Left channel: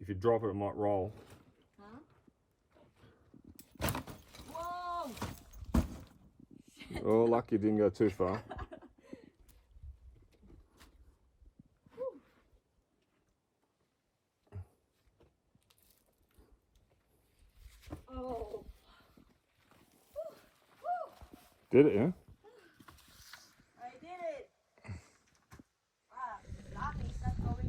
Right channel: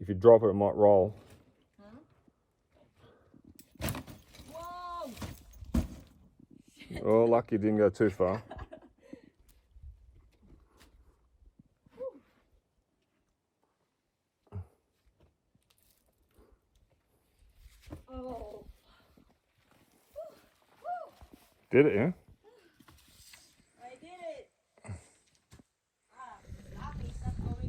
If you drop it, it might roll. Huh? Whoa! Oh, lucky you didn't go too far. Oh. Did it, yeah? I did it. Laughing stuff going.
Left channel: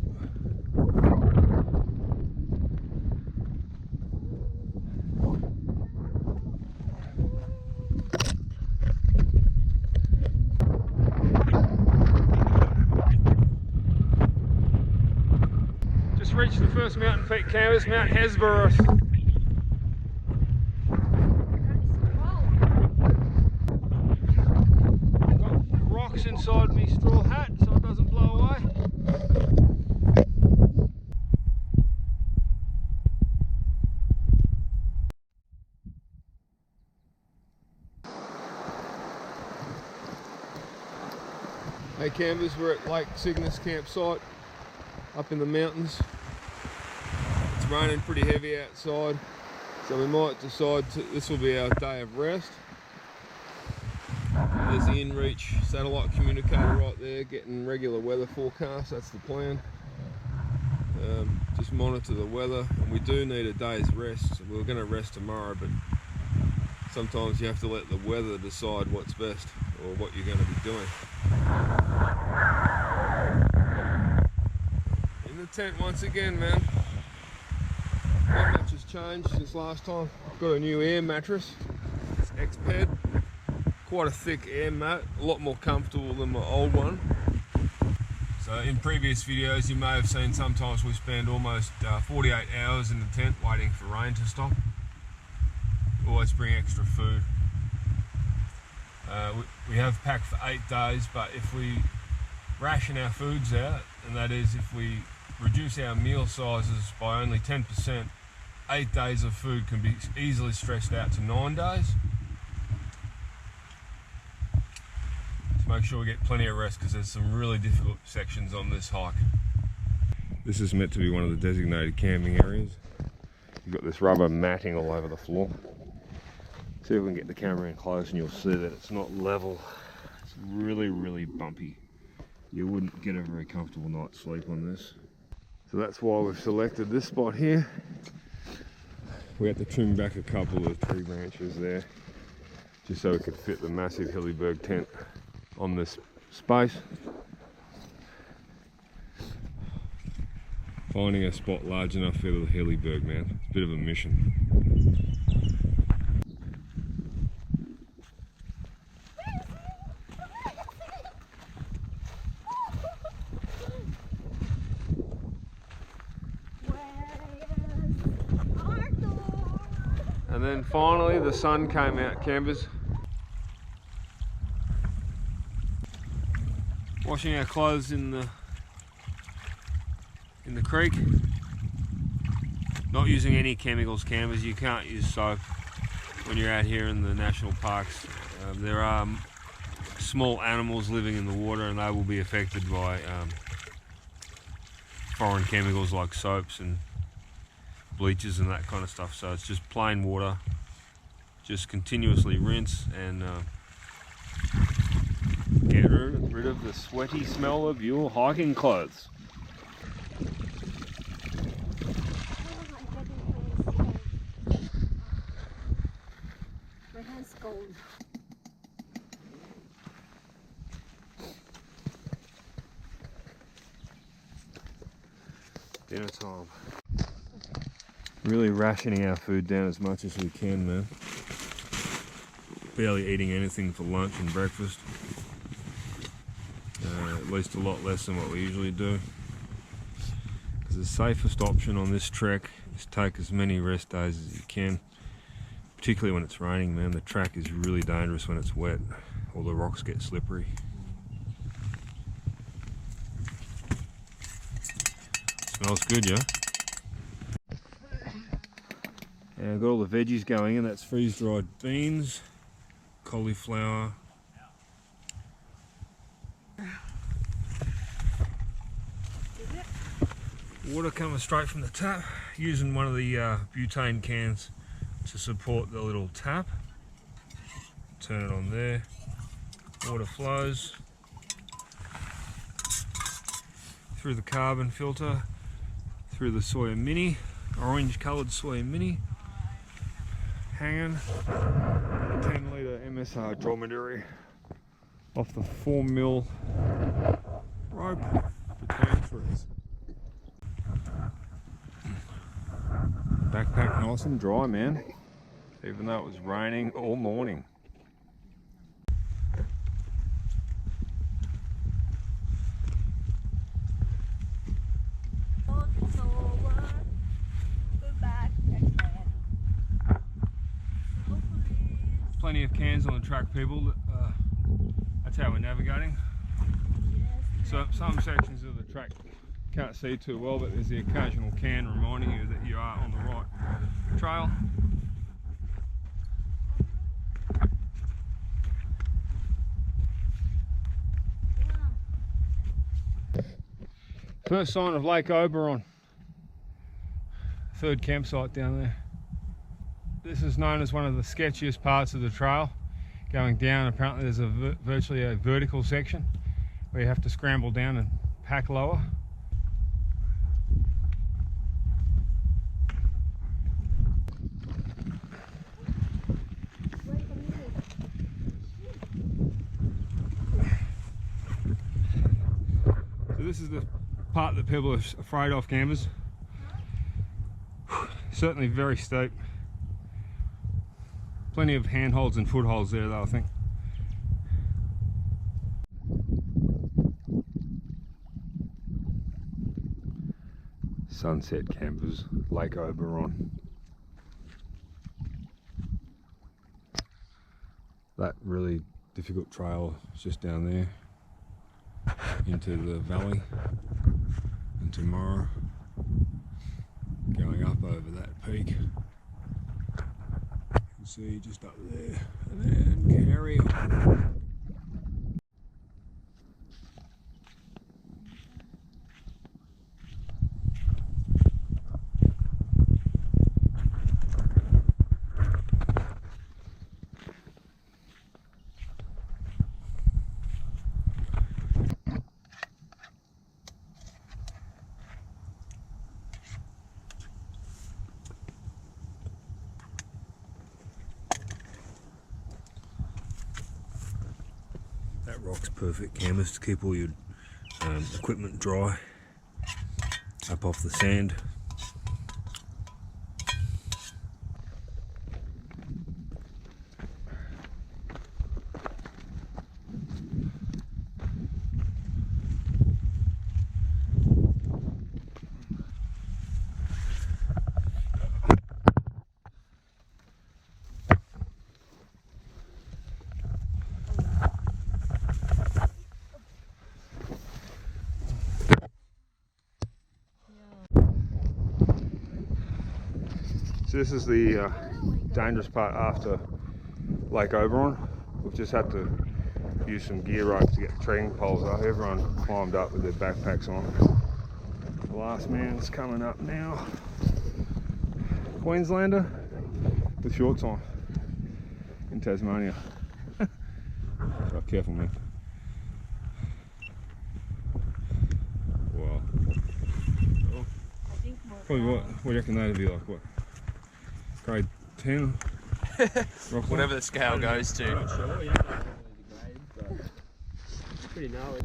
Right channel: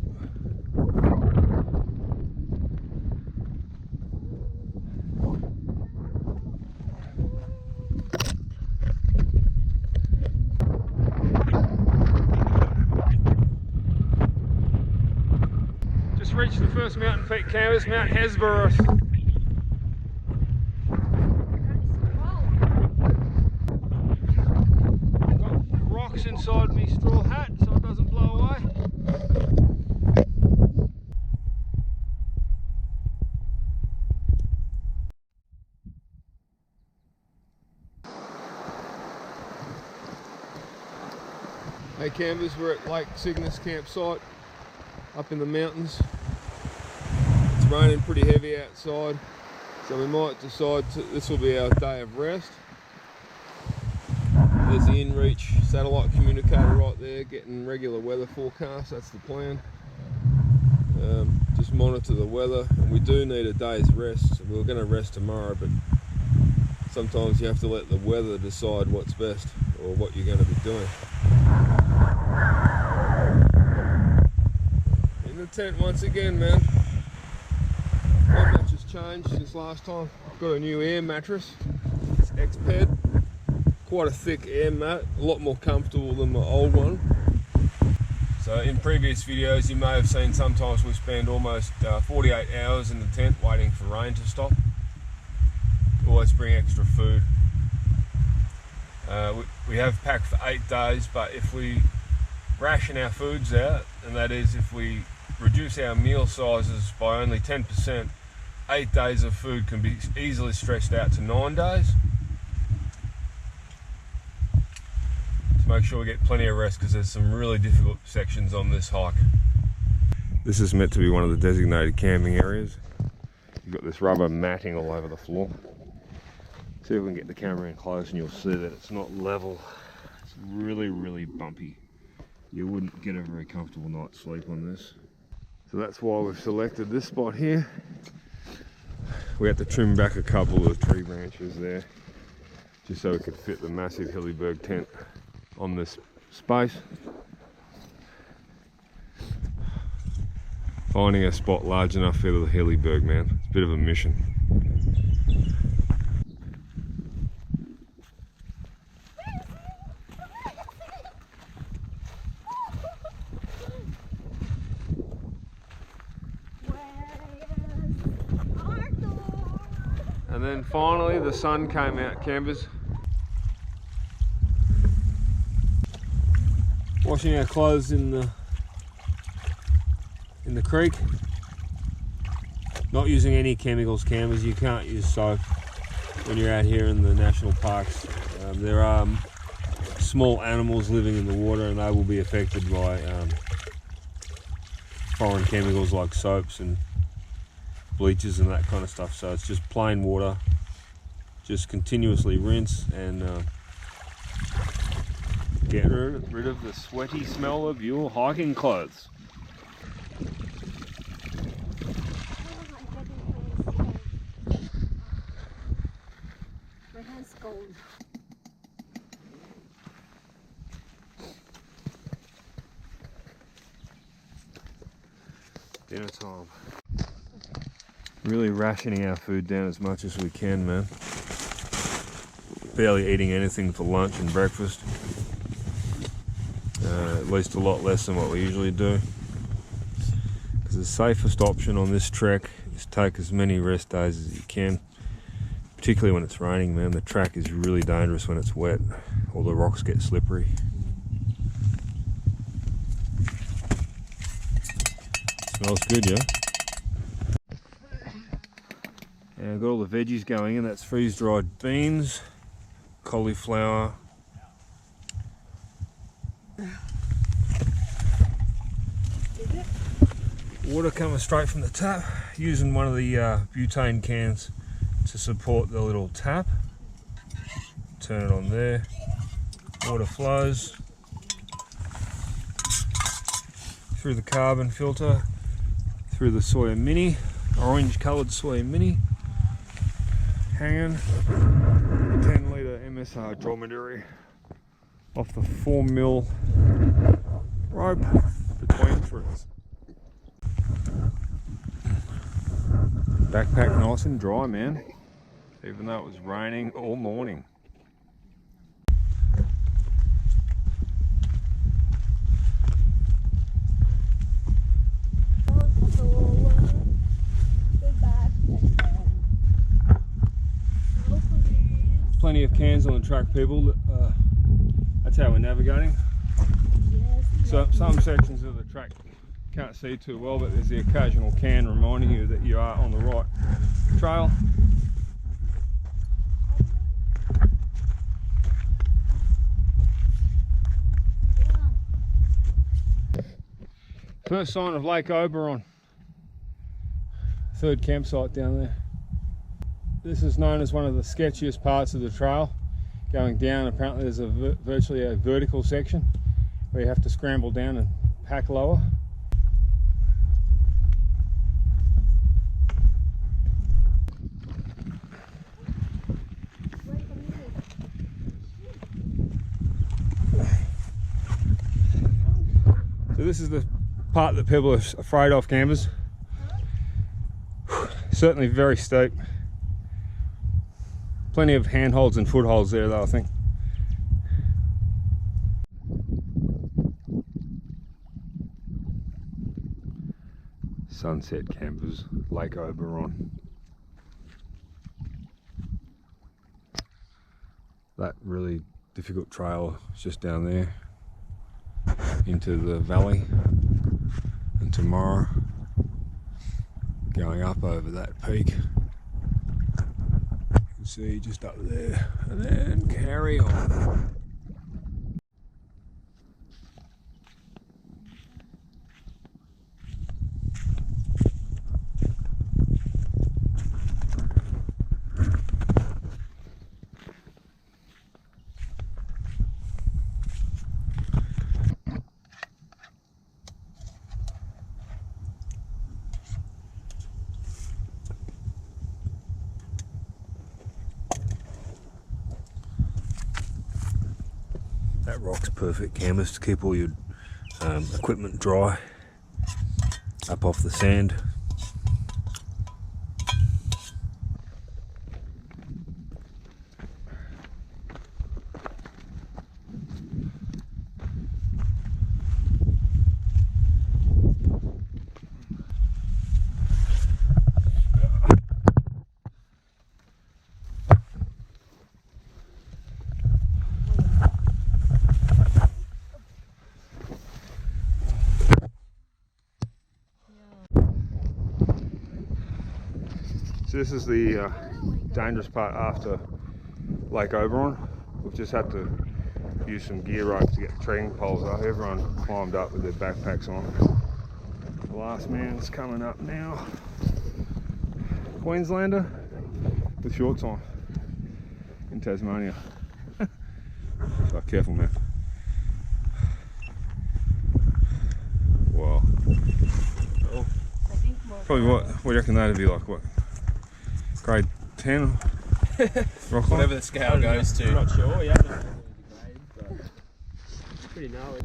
Just reached the first mountain peak canvas, Mount Hesperus. Got rocks inside me straw hat so it doesn't blow away. Hey campers, we're at Lake Cygnus campsite up in the mountains. It's raining pretty heavy outside, so we might decide this will be our day of rest. There's the InReach satellite communicator right there, getting regular weather forecasts. That's the plan. Just monitor the weather, and we do need a day's rest. We were going to rest tomorrow, but sometimes you have to let the weather decide what's best or what you're going to be doing. In the tent once again, man. Not much has changed since last time. I've got a new air mattress. It's X-Ped. Quite a thick air mat, a lot more comfortable than my old one. So in previous videos you may have seen sometimes we spend almost 48 hours in the tent waiting for rain to stop. Always bring extra food. We have packed for 8 days, but if we ration our foods out, and that is if we reduce our meal sizes by only 10%, 8 days of food can be easily stretched out to 9 days. So make sure we get plenty of rest because there's some really difficult sections on this hike. This is meant to be one of the designated camping areas. You've got this rubber matting all over the floor. See if we can get the camera in close and you'll see that it's not level. It's really, really bumpy. You wouldn't get a very comfortable night's sleep on this. So that's why we've selected this spot here. We had to trim back a couple of tree branches there just so we could fit the massive Hillyberg tent on this space. Finding a spot large enough for the Hillyberg, man, it's a bit of a mission. And then finally the sun came out, campers. Washing our clothes in the creek. Not using any chemicals, campers. You can't use soap when you're out here in the national parks. There are small animals living in the water and they will be affected by foreign chemicals like soaps and bleaches and that kind of stuff. So it's just plain water. Just continuously rinse and get rid of the sweaty smell of your hiking clothes. My hand's cold. Dinner time. Really rationing our food down as much as we can, man. Barely eating anything for lunch and breakfast. At least a lot less than what we usually do. Because the safest option on this trek is take as many rest days as you can. Particularly when it's raining, man. The track is really dangerous when it's wet. All the rocks get slippery. Smells good, yeah? Yeah, I've got all the veggies going in. That's freeze-dried beans, cauliflower. Water coming straight from the tap, using one of the butane cans to support the little tap. Turn it on there, water flows through the carbon filter, through the Sawyer Mini, orange coloured Sawyer Mini, hanging 10 litre MSR dromedary off the 4mm rope between threads. Backpack nice and dry, man, even though it was raining all morning. Plenty of cans on the track, people. That's how we're navigating. So some sections of the track can't see too well, but there's the occasional can reminding you that you are on the right trail. First sign of Lake Oberon. Third campsite down there. This is known as one of the sketchiest parts of the trail. Going down, apparently there's virtually a vertical section where you have to scramble down and pack lower. So this is the part that people are afraid of, campers. Certainly very steep. Plenty of handholds and footholds there though, I think. Sunset campers, Lake Oberon. That really difficult trail is just down there into the valley, and tomorrow going up over that peak. See, just up there, and then carry on. That rock's perfect canvas to keep all your equipment dry up off the sand. So this is the dangerous part after Lake Oberon. We've just had to use some gear ropes to get the trekking poles up. Everyone climbed up with their backpacks on. The last man's coming up now. Queenslander with shorts on in Tasmania. So careful, man. Wow. Oh. Probably what do you reckon that'd be like? What? Grade 10? Rock Whatever the scale goes to. I'm not sure, yeah, I don't know the grade, but it's pretty gnarly.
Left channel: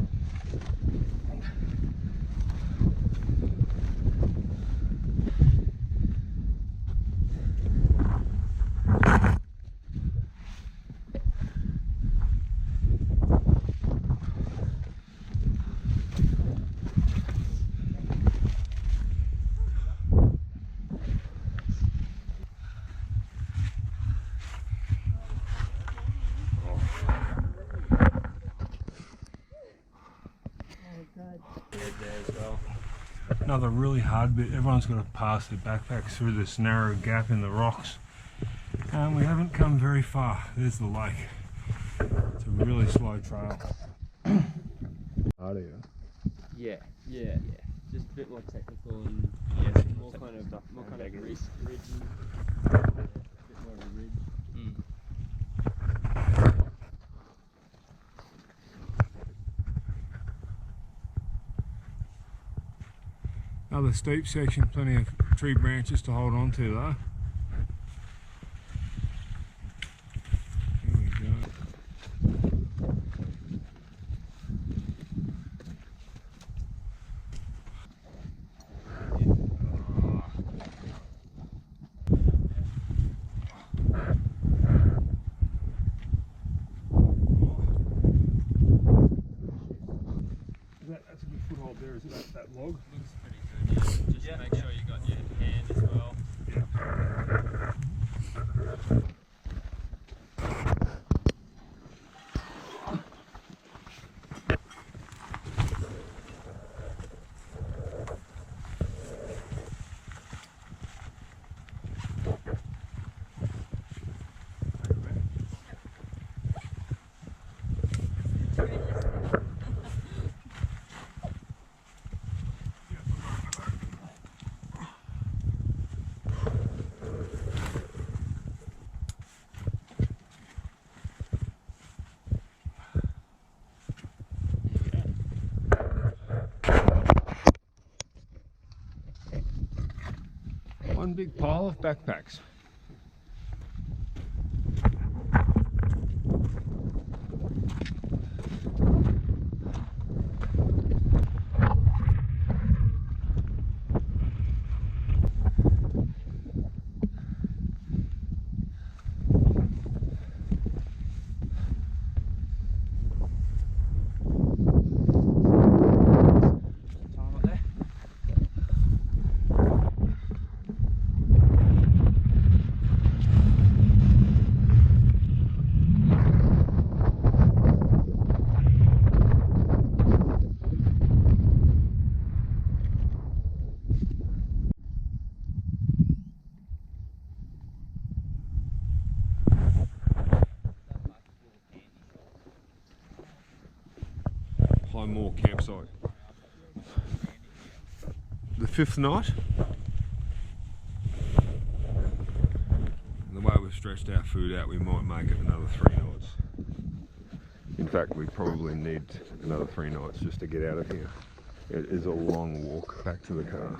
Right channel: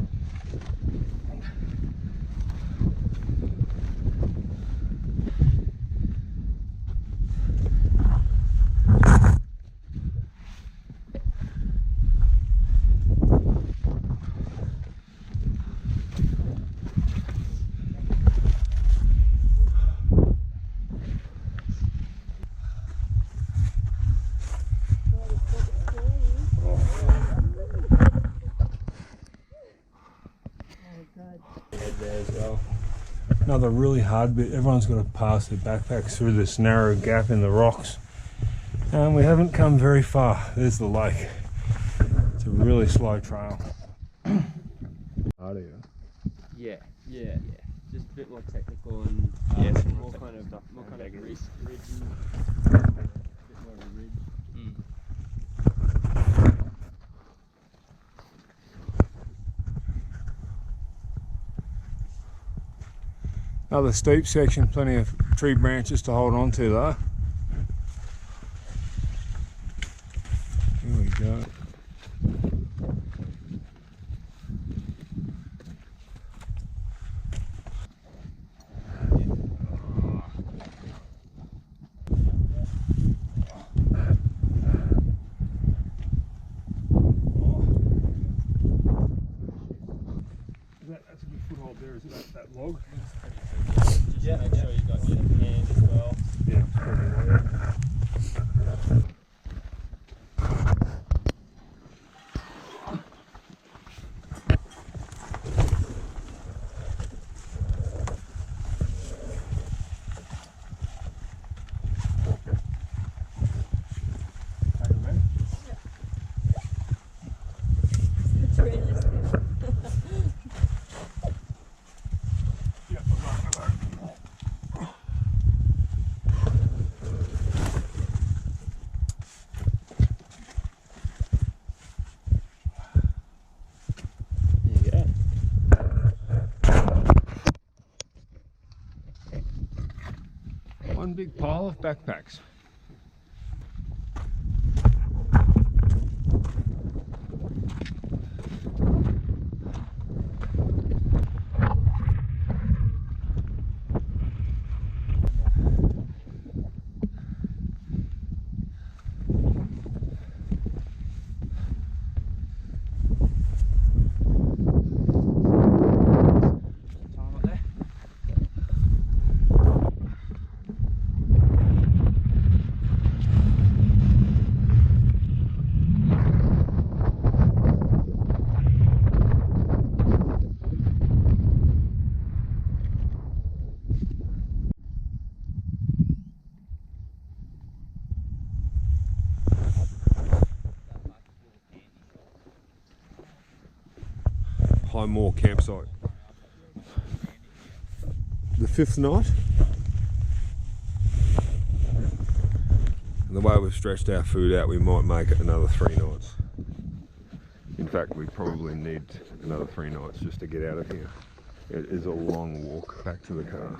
There as well. Another really hard bit. Everyone's got to pass their backpacks through this narrow gap in the rocks, and we haven't come very far. There's the lake. It's a really slow trail. Harder. Yeah. just a bit more technical and more kind of ridge, a bit more of a ridge. Another steep section, plenty of tree branches to hold on to though. Here we go. That's a good foothold there, isn't it? That log? Looks pretty good, yeah. Just make sure you got your hand as well. Yeah, spread away. Take it, man. It's realistic. Yeah, There you go. one big pile of backpacks. Time up there. High Moor campsite. The fifth night. And the way we've stretched our food out, we might make it another 3 nights. In fact, we probably need another 3 nights just to get out of here. It is a long walk back to the car.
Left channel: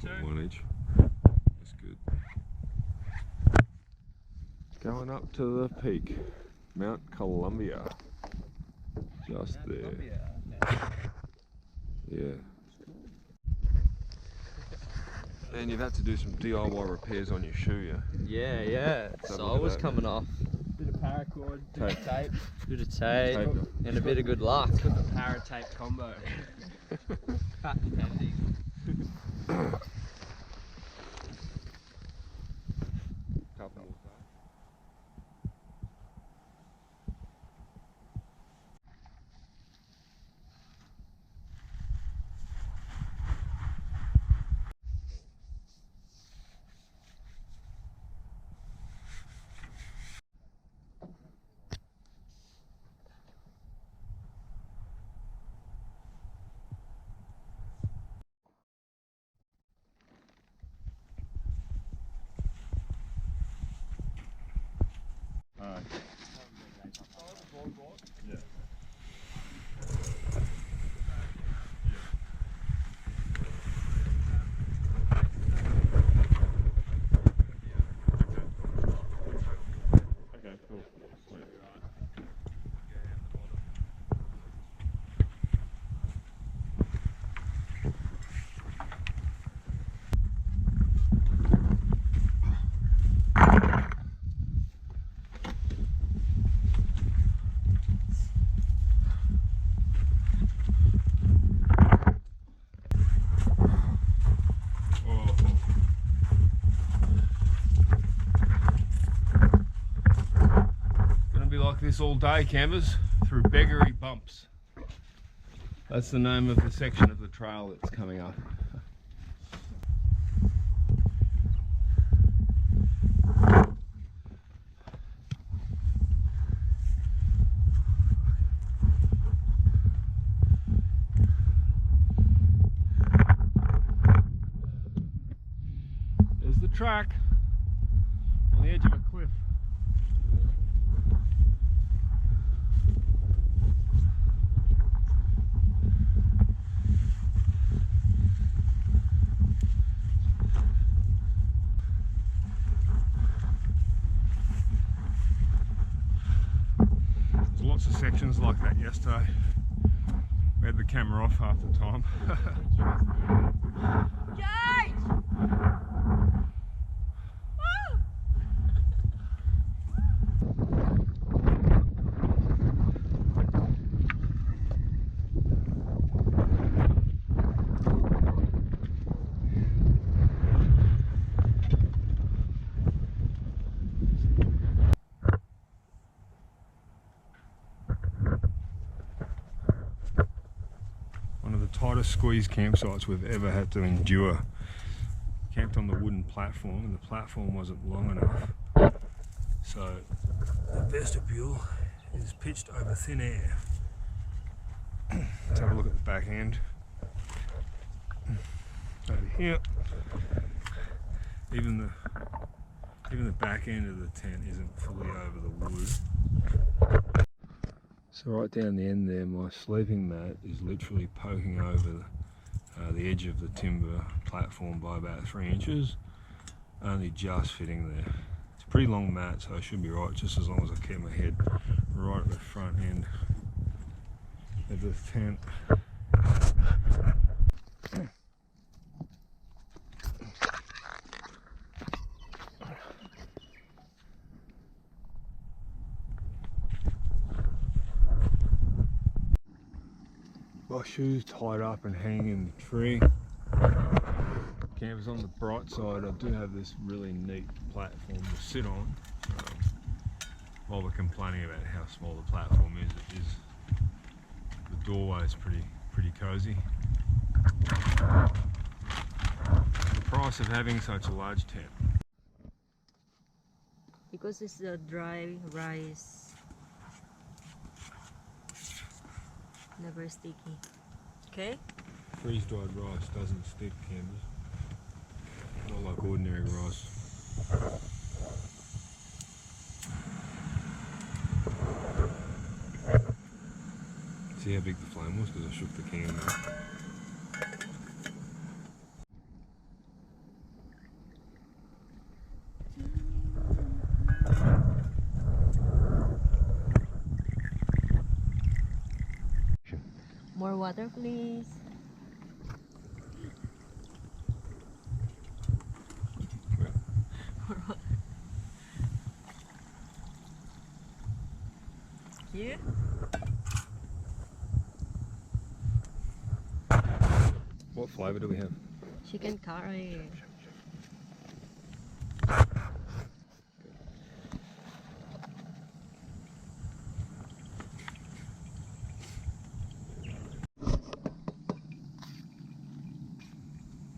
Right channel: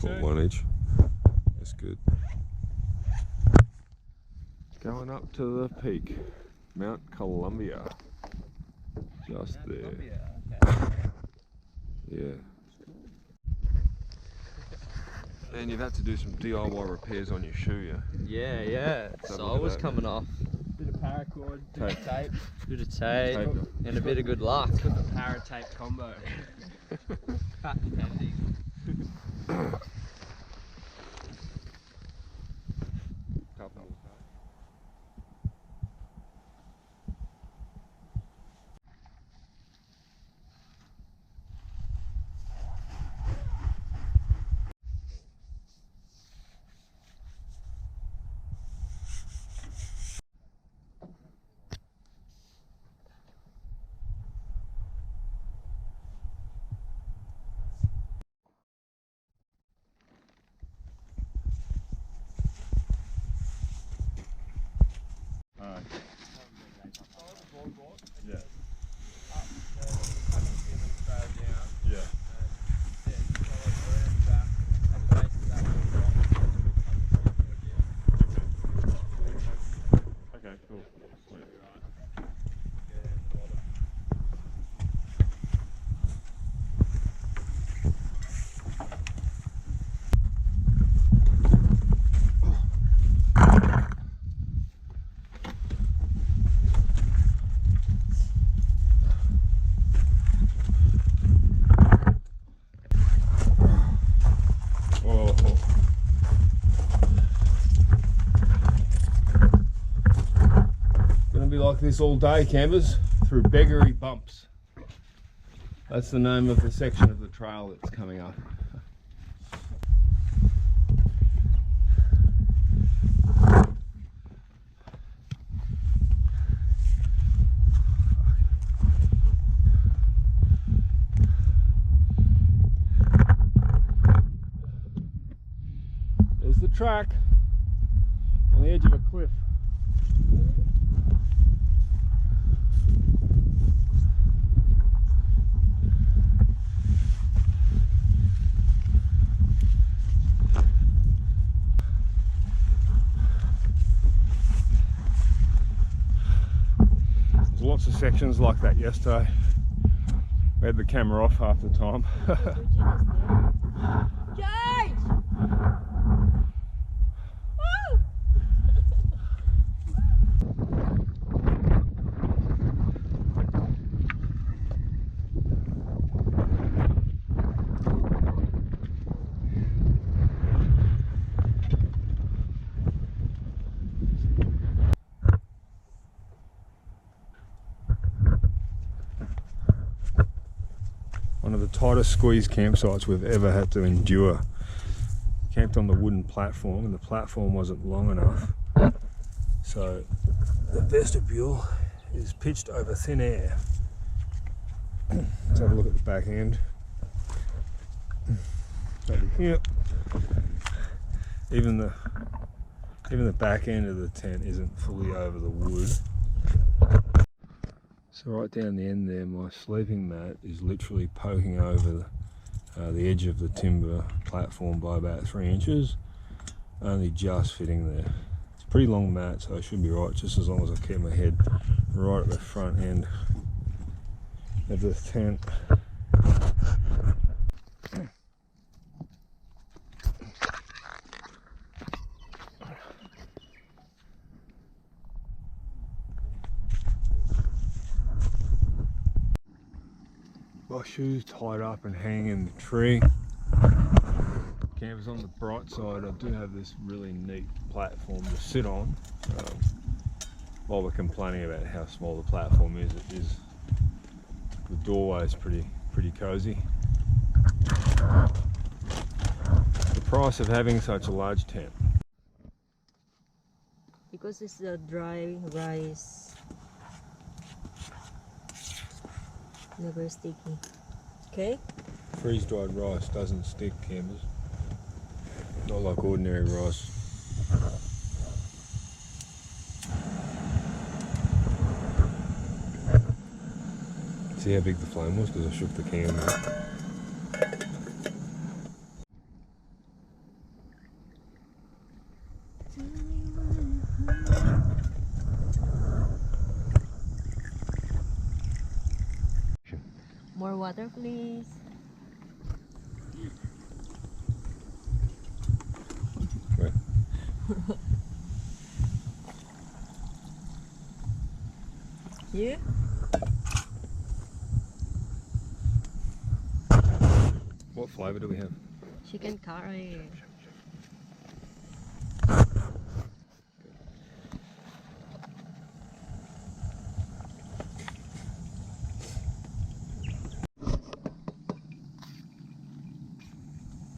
Put 1 each. That's good. Going up to the peak, Mount Columbia. Just there. Yeah. And you've had to do some DIY repairs on your shoe, yeah? Yeah. Sole was coming off. Bit of paracord, bit of tape, Bit of tape, Tape. and a bit of good luck. got the para tape combo. Cut depending. Couple more days. Yeah. Yeah. Okay, cool. Sweet. Oh. Gonna be like this all day, campers, through beggery bumps. That's the name of the section of the trail that's coming up. There's the track on the edge of a cliff. There's lots of sections like that yesterday. We had the camera off half the time. Georgina's there. George! Woo! One of the tightest squeeze campsites we've ever had to endure. Camped on the wooden platform, and the platform wasn't long enough, so the vestibule is pitched over thin air. Let's have a look at the back end. Over here, even the back end of the tent isn't fully over the wood. So right down the end there, my sleeping mat is literally poking over the edge of the timber platform by about 3 inches, only just fitting there. It's a pretty long mat, so I should be right, just as long as I keep my head right at the front end of this tent. My shoes tied up and hanging in the tree. Camper's on the bright side. I do have this really neat platform to sit on. While we're complaining about how small the platform is, the doorway is pretty cozy. The price of having such a large tent. Because it's a dry rice. Never sticky. Okay? Freeze-dried rice doesn't stick, campers. Not like ordinary rice. See how big the flame was because I shook the can there. More water, please. Where? Yeah? What flavour do we have? Chicken curry.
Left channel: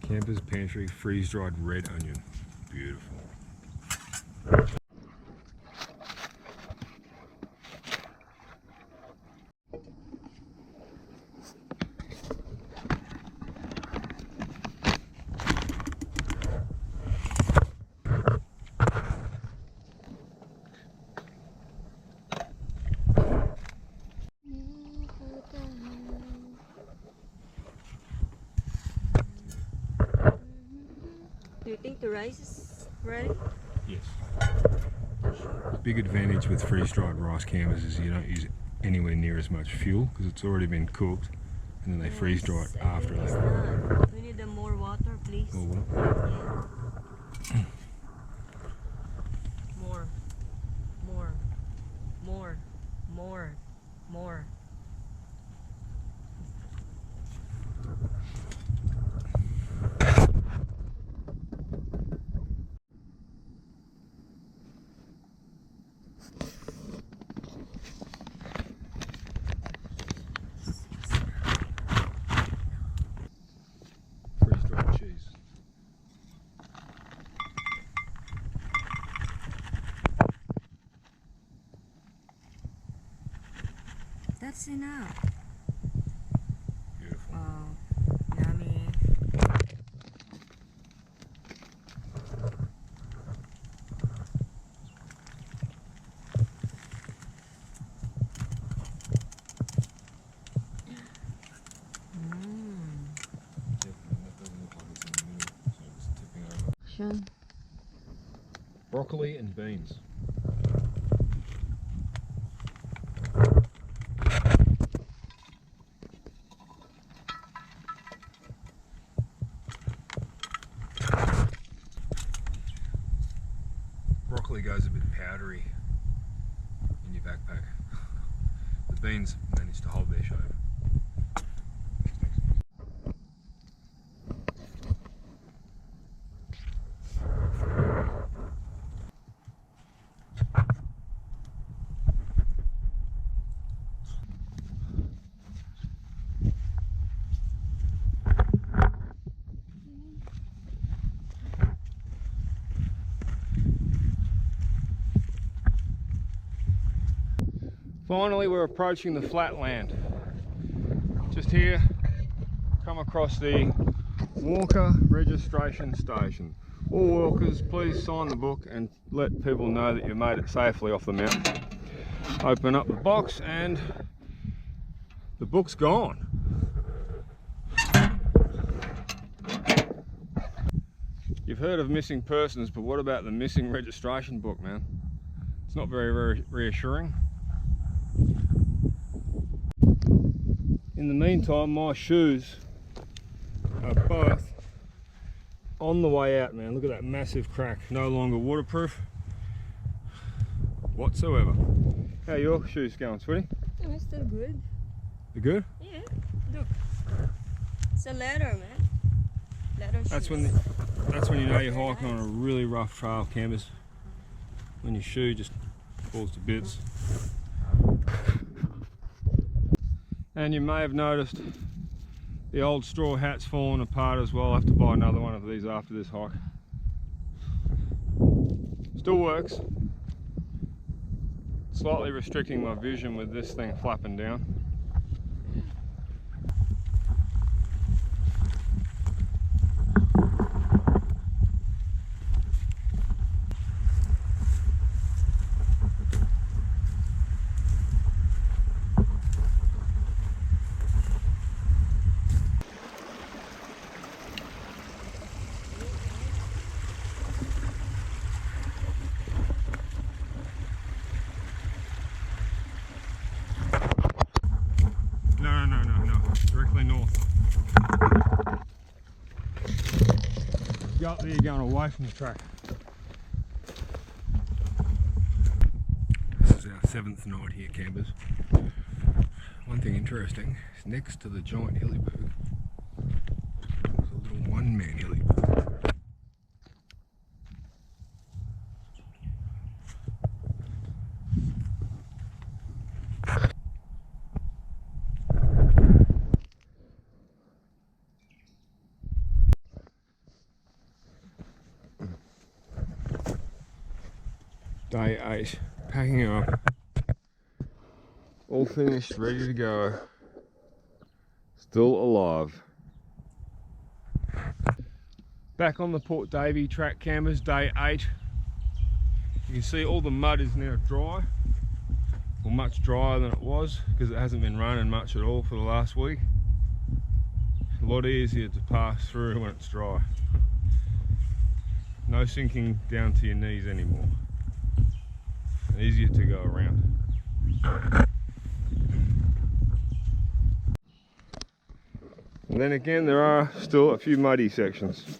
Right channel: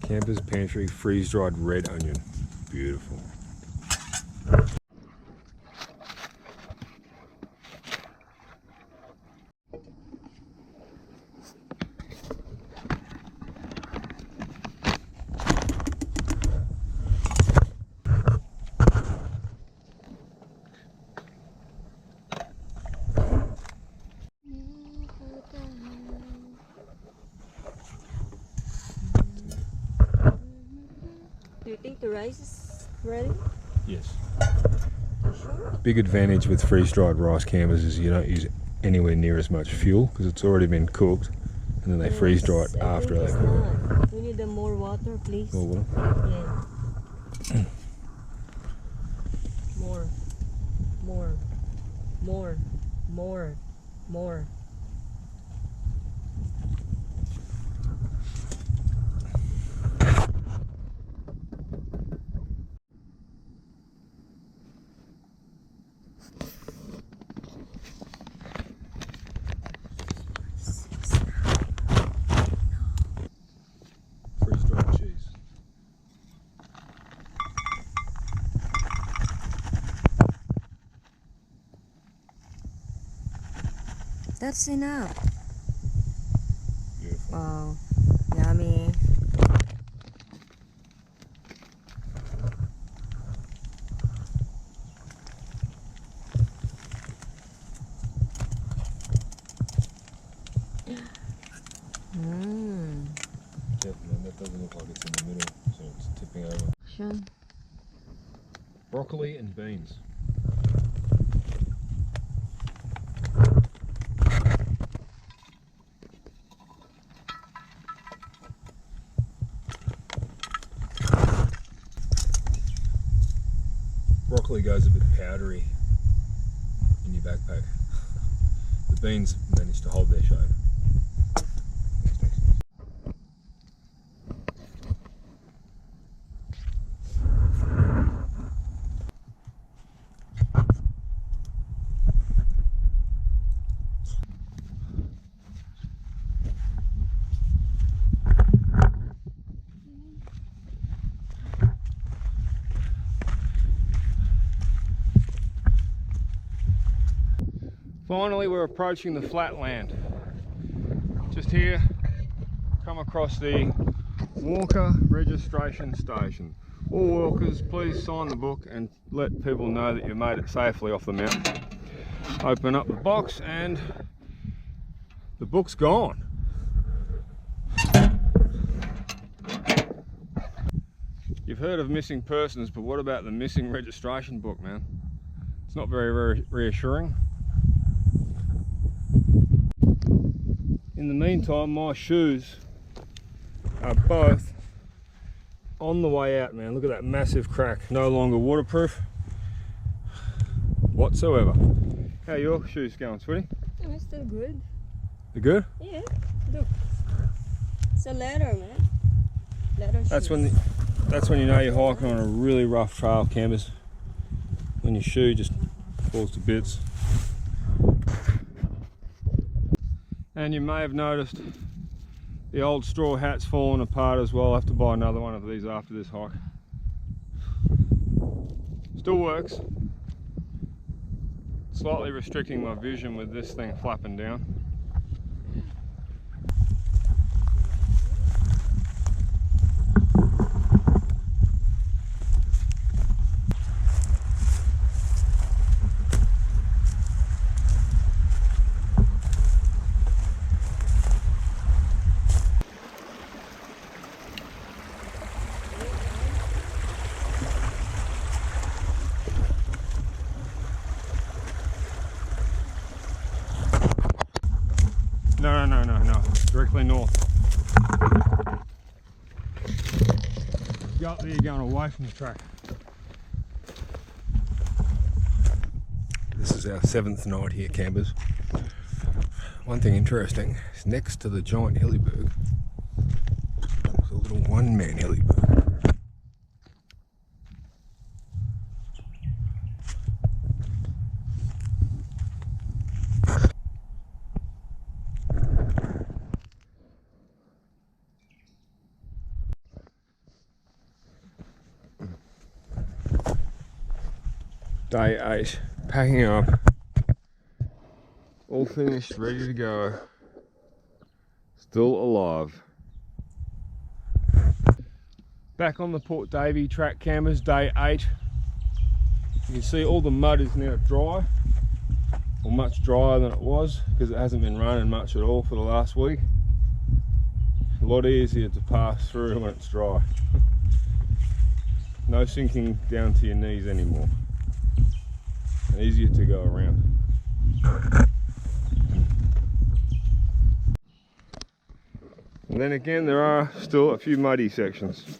Camper's Pantry freeze-dried red onion. Beautiful. Do you think the rice is ready? Yes. You sure? Big advantage with freeze-dried rice campers is you don't use anywhere near as much fuel because it's already been cooked, and then they freeze dry it after they cook it. We need more water, please. More water? Yeah. More. freeze-dried cheese. That's enough. Beautiful. Wow. Yummy. Mmm. Definitely, that doesn't look like it's in the middle, so it's tipping over. Sure. Broccoli and beans. Broccoli goes a bit powdery in your backpack. The beans manage to hold their shape. Next. Finally, we're approaching the flatland. Just here, come across the Walker registration station. All walkers, please sign the book and let people know that you've made it safely off the mountain. Open up the box and the book's gone. You've heard of missing persons, but what about the missing registration book, man? It's not very reassuring. In the meantime, my shoes are both on the way out, man. Look at that massive crack. No longer waterproof whatsoever. How are your shoes going, sweetie? It's still good. They're good? Yeah. Look. It's a leather, man. Leather shoes. That's when you know you're hiking on a really rough trail, campers. When your shoe just falls to bits. And you may have noticed the old straw hat's fallen apart as well. I'll have to buy another one of these after this hike. Still works. Slightly restricting my vision with this thing flapping down. No. Directly north. Go up there, you're going away from the track. This is our 7th night here, campers. One thing interesting is next to the giant Hillyberg, there's a little one-man Hillyberg. Day 8, packing up, all finished, ready to go, still alive. Back on the Port Davey track, campers, day 8. You can see all the mud is now dry, or much drier than it was, because it hasn't been raining much at all for the last week. A lot easier to pass through when it's dry. No sinking down to your knees anymore. And easier to go around. And then again, there are still a few muddy sections.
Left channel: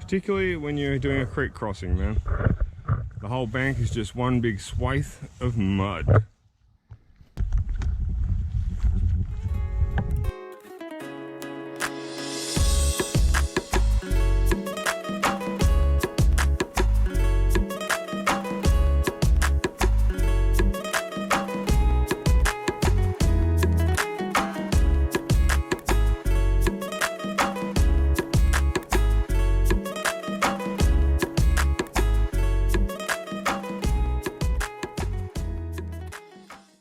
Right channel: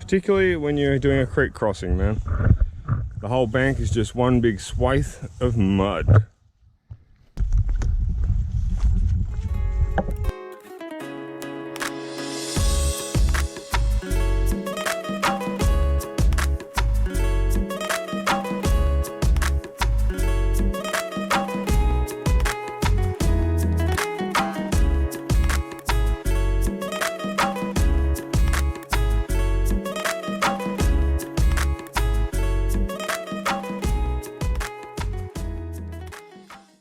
Particularly when you're doing a creek crossing, man. The whole bank is just one big swathe of mud.